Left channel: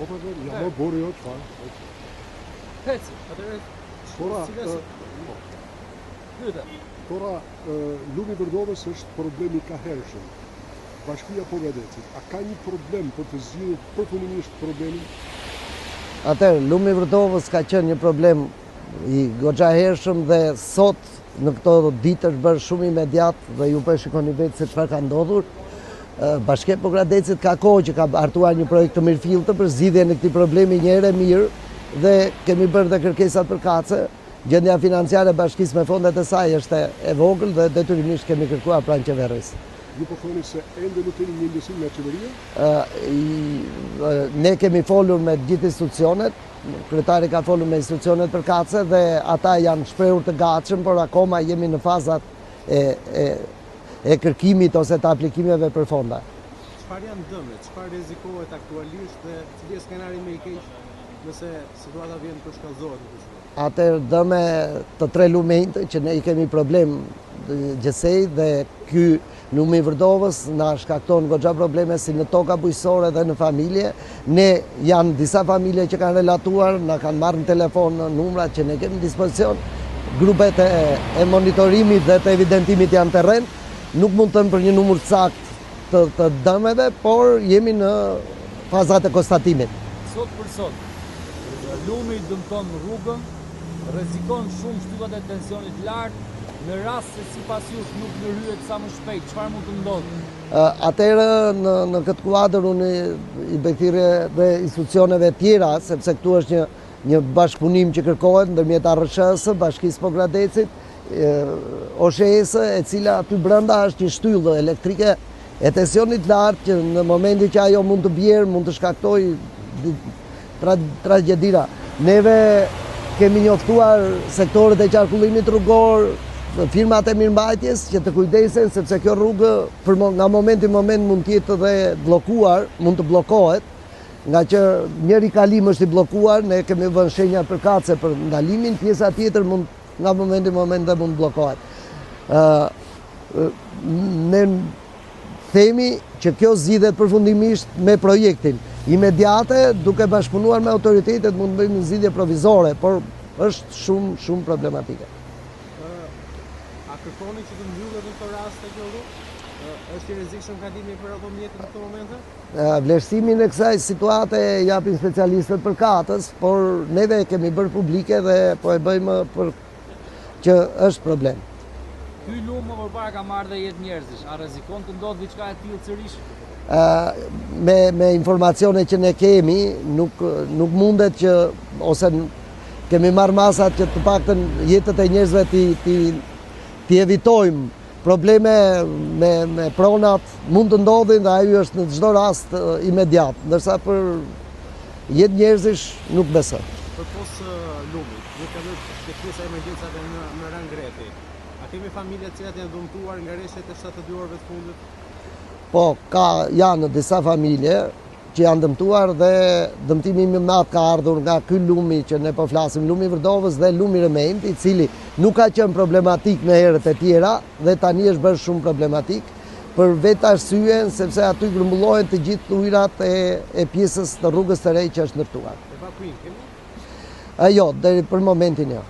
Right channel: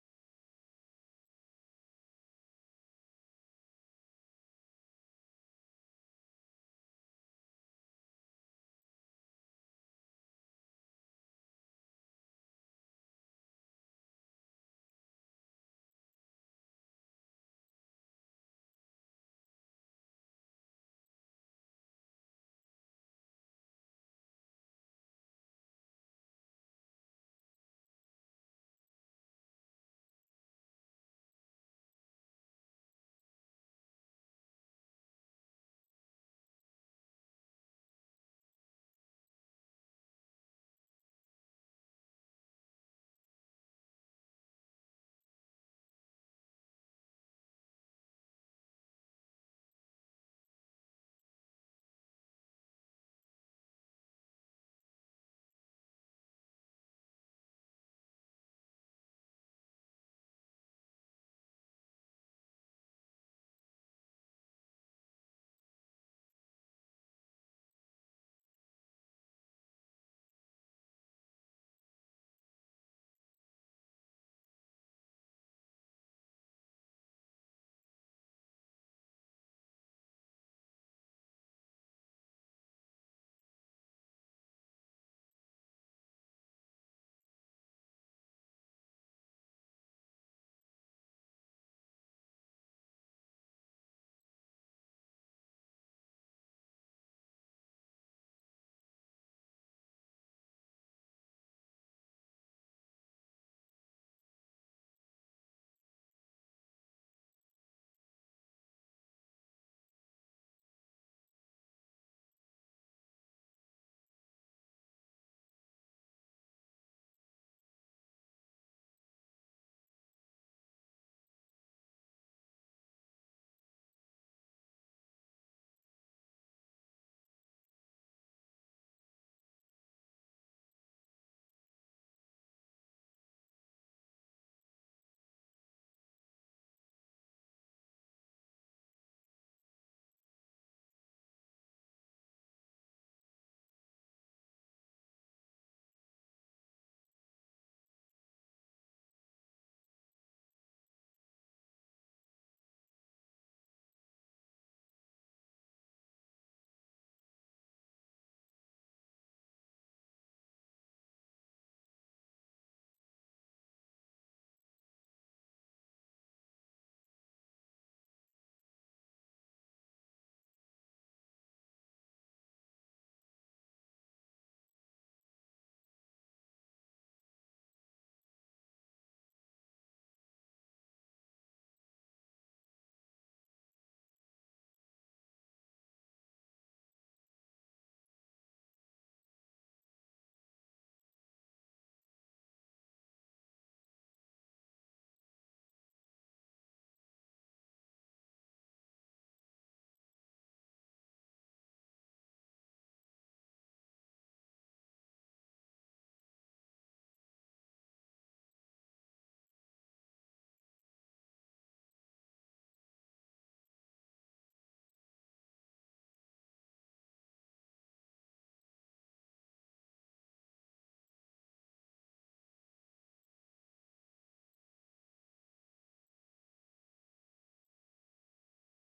Po po, ja më bori jo çfarë. Heci, atëherë. Tora, lumi Vërdovës është problemi ka hershëm. Bashkia Pogadecit, a ka një problem për të zgjidhur përfundimisht problemin? Atëherë, lumi Vërdovës ka qenë një problem i goxha hershëm dhe sot në këto ditë është bërë shumë imediat dhe ju po e shikoni vetë se çfarë ka ndodhur. Bashkia Pogadecit ka kohë që ka hartuar një projekt të mirëfilltë për zgjidhjen e këtij problemi një herë mirë dhe kemi bërë dhe kërkesat për kace. Gjendja financiare e bashkisë me fondet e saj është e vogël dhe detyrimisht kemi kërkuar pranë qeverisë. Ju po thoni se ende nuk keni një ndësim me qeveria? Ne kemi folur me gjithë institucionet, kryetari ka folur me institucionet për kace dhe ata janë shprehur të gatshëm, por akoma jemi në fazat e kërkimit ose të aplikimeve për fonda. Çfarë janë dëmet? Çfarë rrezikohet aktualisht dhe cili është skenari më i keq nëse situata vjen të shkallëzohet? Atëherë dëme të 3 lumenjtë që ne i kemi problem gjësej dhe ky lumi Vërdovës na shkakton goxha probleme si në toka bujqësore dhe në familje. Ne janë disa familje që kanë relatuar, na kanë marrë në telefon numrat që ne kemi në dispozicion. Grupet e monitorimit dhe të evidentimit janë terren. Nuk mund të them për një numër sakt të dëmeve, por jemi në fazat e konstatimit. Sot për sot, lumi dëmton rrugën, rrezikon shumë shtypat e tensionit lartë, në rast se sipas jush nuk ndërhyet sa më shpejt, çfarë mund të ndodhë? Atëherë në këtë kuadër unë i bëthirë dhe institucioneve tjera, sepse këtu është një bashkëpunim që kërkohet ndërmjet ARSH-së, Bashkisë Pogadecit, OSHE-së, e cila aty brenda është një shtyllë elektrike e tensionit lartë që në momentin që ajo mund të bjerë, mund të shkaktojë tragjedira. Neve kemi njoftuar sektorët e qarkullimit rrugor, firmat e mirëmbajtjes që të kujdesen sepse kjo rrugë nga momenti në moment mund të jetë dhe bllokuar, mund të bllokohet, nga që njëri kalim është i bllokuar, ne kemi vënë shenja përkatëse për ndalimin, pjesa tjetër nga momenti në moment dhe mund bllokohet. Ne themi që kjo zgjidhet përfundimisht me projektin. Imediate, duke bashkëpunuar me autoritetet, mund të bëjmë një zgjidhje provizore, por është shumë problematike. A kërkoni që të mbyllet në këtë rast kjo rrugë? Është i rrezikshëm kalimi për automjetet në këtë momente? Vlerësimin e kësaj situate japin specialistët për katës, por neve kemi bërë publike dhe po e bëjmë për që është problem. Ky lum më përpara ka marrë dhe jetë njerëzish, a rrezikon të ndodhë diçka e tillë sërish? Me informacione që ne kemi, nuk mundet që, ose kemi marrë masat që të paktën jetët e njerëzve t'i evitojmë. Probleme me pronat mund të ndodhin dhe ajo është në çdo rast imediat, ndërsa për jetë njerëzish nuk besoj. Përpos lumit, ju ka dhënë pjesa e emergjencave në rang rreti. A kemi familje të cilat janë dëmtuar nga rreshtet e 72 orëve të fundit? Po, janë disa familje që janë dëmtuar dhe dëmtimi më i madh ka ardhur nga ky lumi që ne po flasim, lumi Vërdovës dhe lumi Remend, i cili nuk ka qenë problematik në herët e tjera dhe tani është bërë shumë problematik për vetë arsyen sepse aty grumbullohen të gjithë ujërat e pjesës të rrugës së re që është ndërtuar. Evakuim kemi? Jo, deri për momentin jo.